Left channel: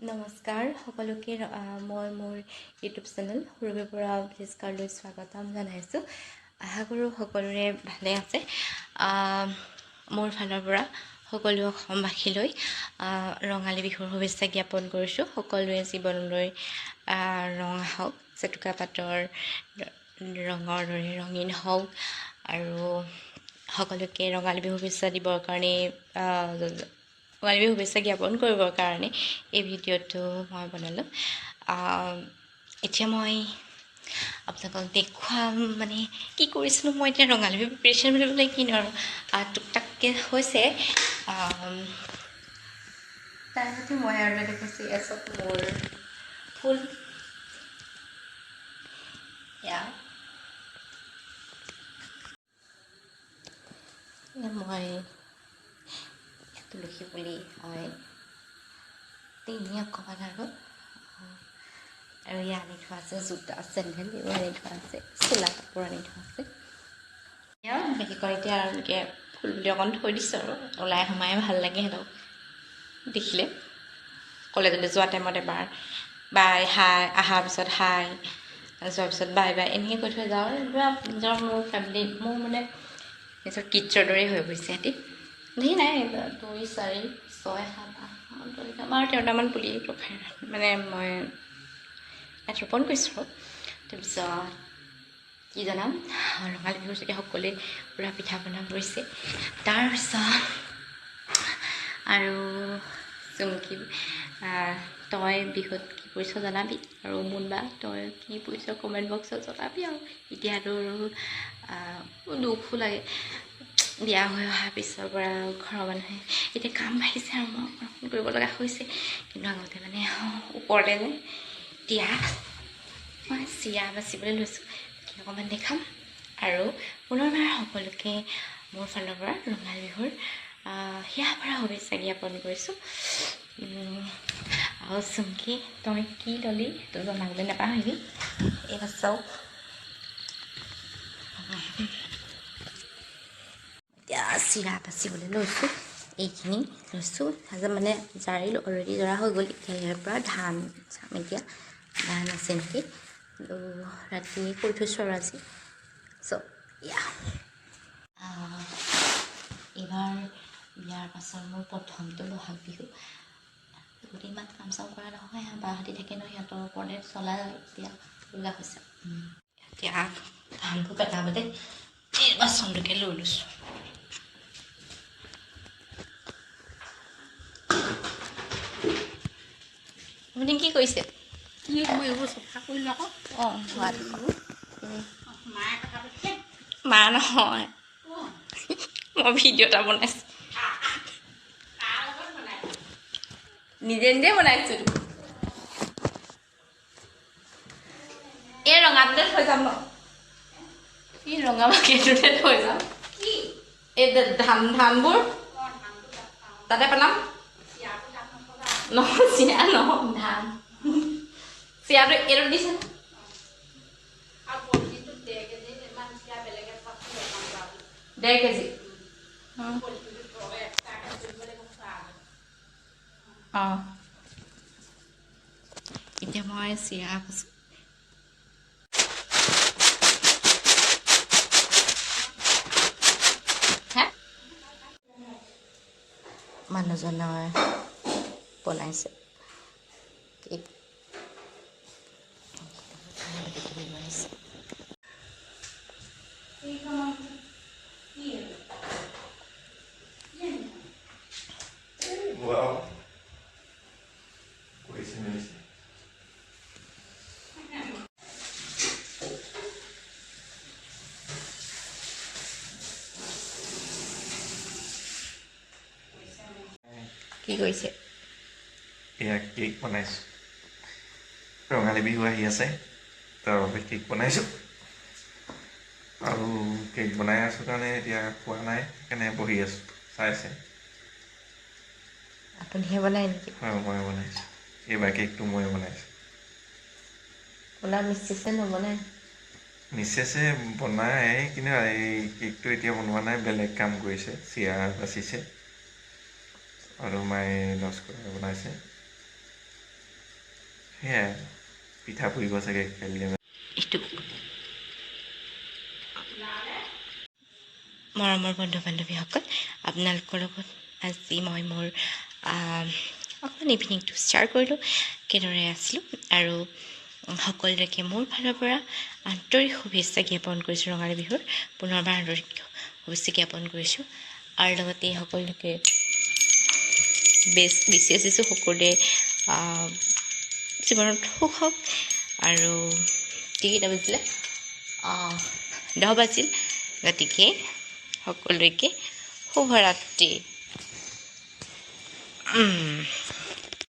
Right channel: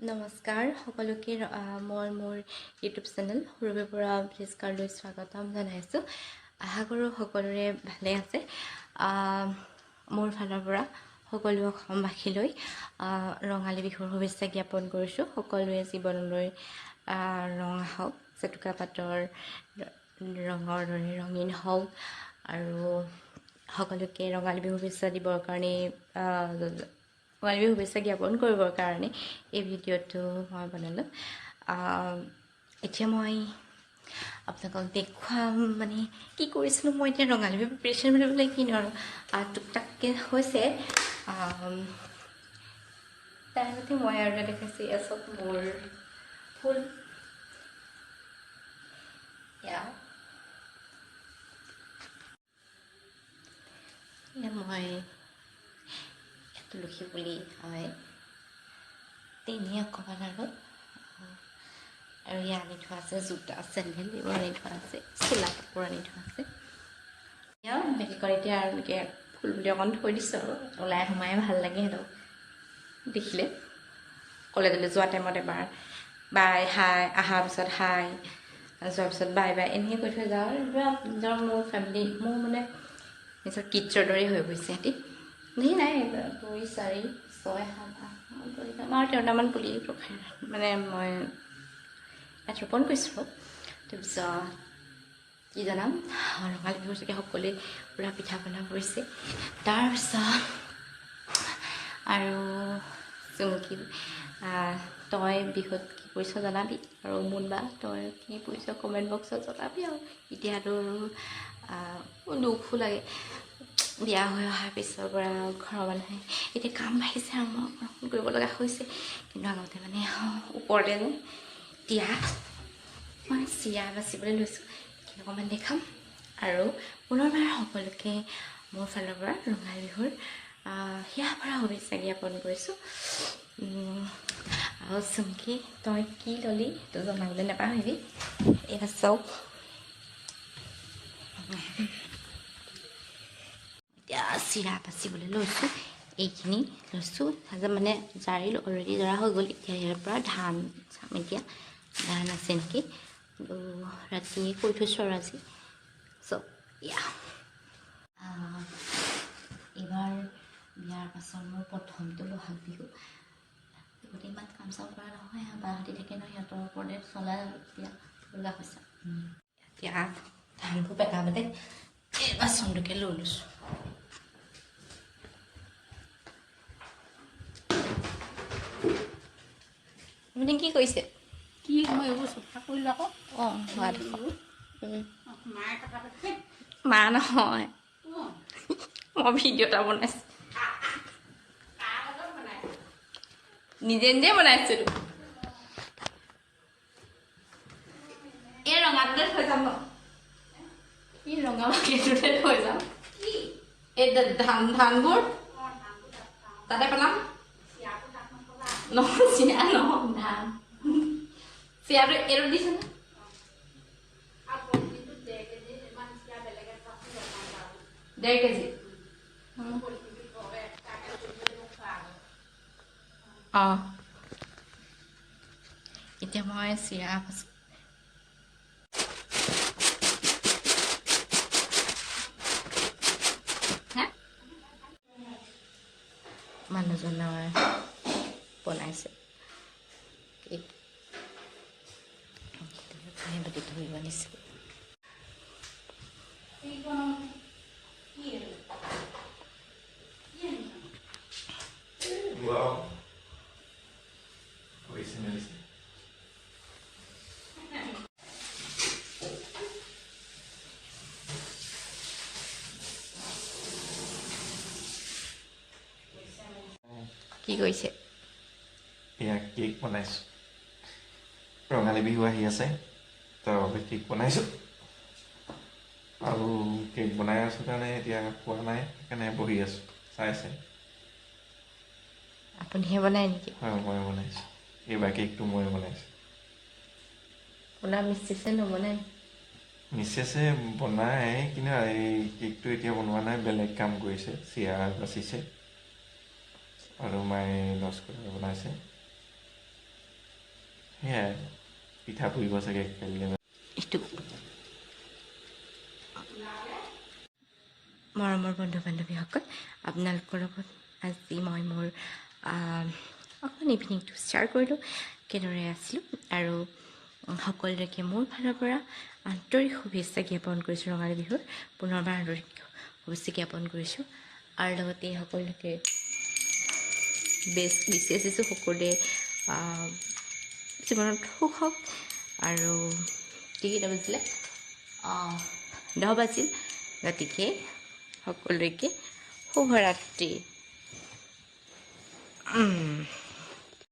নমস্কাৰ সকলোকে মই মোৰ ইউটিউব চেনেল সুৰভিৰ পৰা ভিস্কাৰলৈ স্বাগতম জনাইছোঁ। আশা কৰোঁ সকলোৰে ভালে আছে। মোৰ ফালৰ পৰা সকলো অসমবাসীলৈ ৰঙালী বিহুৰ শুভেচ্ছা জ্ঞাপন কৰিছোঁ। সকলোৱে জীৱনলৈ ৰং আহক, জেতুকা পাতৰ ৰঙৰ দৰে ৰঙীন হওক আৰু সকলোকে ৰঙালী বিহু শুভেচ্ছা দিবৰ কাৰণে ৰঙালী বিহু শুভেচ্ছা জ্ঞাপন কৰিবৰ কাৰণে এই ভিডিঅ'টো মই বনালোঁ। এতিয়া মই আপোনালোকক দেখুৱাম মানে কি কৰিছিলোঁ মই এতিয়া ৰঙালী বিহু প্ৰিপাৰেশ্যন বুলিবলৈ কিনো আৰু টুক টাককৈ হৈছে। তাৰ সৈতে মই আৰু এটা দেখাইছোঁ এয়া চব মোৰ ফুল। মই তুলসী পুলি হয় তিনি অকণমান আৰু ইয়াত আনি থোৱা আছে জোতা চেণ্ডেল এইবোৰ আনি থোৱা আছে, চোলা কাপোৰ আনি থোৱা আছে। বিশেষকৈ এতিয়া আৰু এনেকৈ ফুল বুলি অকণ থৈ দিছোঁ আৰু ওলাই সোমাই ভাল লাগে সিহঁতক দেখিলে। কলেজলৈ যোৱা টাইমত এবাৰ বাই হাই, অহাৰ পিছত হাই, যোৱাৰ পিছত বাই বাই এনেকৈ কৈ থৈ যাওঁ। নিজৰ মোৰ ফেমিলি মোৰ মানে নিজৰ কিডছৰ দৰেই হৈ পৰিছে সিহঁতি। ধেৰ নাই 2, 4, 6, 7, 8, 9, 10, 13টামান পুলি মানে মই ইয়াত ৰোপণ কৰিছোঁ। তাৰপিছত কি জনাম, ৰঙালী বিহুৰ যেতিয়া সকলোৱে পূৰা পিঠা পনা কৰিছে। তাৰপিছত আৰু চুমকি তই বিহুত কি কৰিছ জনাবি, আৰু মুনবা তই কি কৰিছ কমেণ্ট বক্সত জনাবি। আৰু এতিয়াতো দুখো লাগে, বিয়া হৈ অহাৰ পিছৰ পৰা ঘৰৰ মানুহে এতিয়া কাম বাঢ়িছে আৰু মই অকণ কৰিব লগা হৈছে। কিন্তু আগতে মানে ওপৰতে যে এতিয়া মই চিৰা বাচিবলৈ লৈছোঁ, অকণমান দেখাম। আৰু পুনৰবাৰ সকলোকে মোৰ ফালৰ পৰা ৰঙালী বিহুৰ হিয়া ভৰা শুভেচ্ছা জ্ঞাপন কৰিছোঁ। আৰু চুমকি তই কি ল'লি সেইটো জনাবলৈ নাপাহৰিবি। এইবাৰ চাওক এতিয়া চিৰা বাচিবলৈ লৈছোঁ। এইখিনি লৈছোঁ মানে জাৰি অলৰেডি জৰা হৈ গ'ল। এতিয়া ইয়াৰ পৰা ধান চাম, এতিয়া ধান আছে নেকি ৰাতি কৈ থৈছোঁ আৰু আজি চব। এইবাৰ বিয়াৰ পাছত মোৰ প্ৰথমটো বহাগ বিহু। গোটেই ইমান কাম চাম কৰা নহয়, বাহঁতি থাকে ন, সিহঁতৰ ওপৰতে চলা এতিয়া লগা হৈছে। এতিয়া ধানবোৰ পেলাবলৈ বাচনটোকে লৈ লৈছোঁ। আপুনি কি কৰিছে? কি মই এইবোৰ চফা কৰিলোঁ আকৌ। অঁ মা নহয়, মই ভিডিঅ' এটা বনাইছোঁ, নিজে নিজে বনাইছোঁ। এই ৰঙাটোতে থৈ যাম ন, এই ৰঙা বাকীটোতে থৈ যাম। এই ধানবোৰ তাতে পেলাম। নহয় চিৰা নহয়, ধান চিৰাটো এইটো দিছে ন। 1.5 কেজি। অঁ এতিয়া মই চিৰা বাচোঁ। মানুহজনৰ বনাইছে কেক, বনাইছে। কি কৰিছে? এয়া কেক বনাইছোঁ। ৰঙালী বিহু আহি আছে, তাৰ বাবে কেক বনাইছোঁ। আৰু কেক বনাই আছোঁ কাৰণে এতিয়া খোৱা নাই, সেইকাৰণে বহি আছোঁ চাই। আপুনিহে বনাই নেকি? হয়, মই বনাইছোঁ। এইবাৰ কেকটো মই বনাইছোঁ। আপোনাৰ মিছেছে নবনায়? মিছেছে বনায়, কিন্তু এই কেকটো এতিয়া বনোৱা নাই, বেলেগ কাম কৰিছে, চিৰা বাচিছে আৰু মায়ে লস্কৰা বনাইছে। সেয়াই পিঠা পুৰিব চাগে কাইলৈ এইটো মৰমৰ বন্ধু বান্ধৱীসকল, আপোনালোকৰ লগত আজি মই মোৰ অকণমান ইভিনিংটো শ্বেয়াৰ কৰিলোঁ, কেনেদৰে আছিলোঁ, আৰু সকলোকে মোৰ ফালৰ পৰা আন্তৰিক শুভেচ্ছা জ্ঞাপন কৰিছোঁ। ৰঙালী বিহুৰ পুনৰবাৰ আন্তৰিক শুভেচ্ছা জ্ঞাপন কৰিছোঁ, আৰু লগতে সকলোকে বিশেষ দিছোঁ সকলোৱে জীৱনত সুখ হওক। আৰু কেইটা বাজিলে? 10 বাজিল। গতিকে সকলোকে শুভৰাত্ৰি।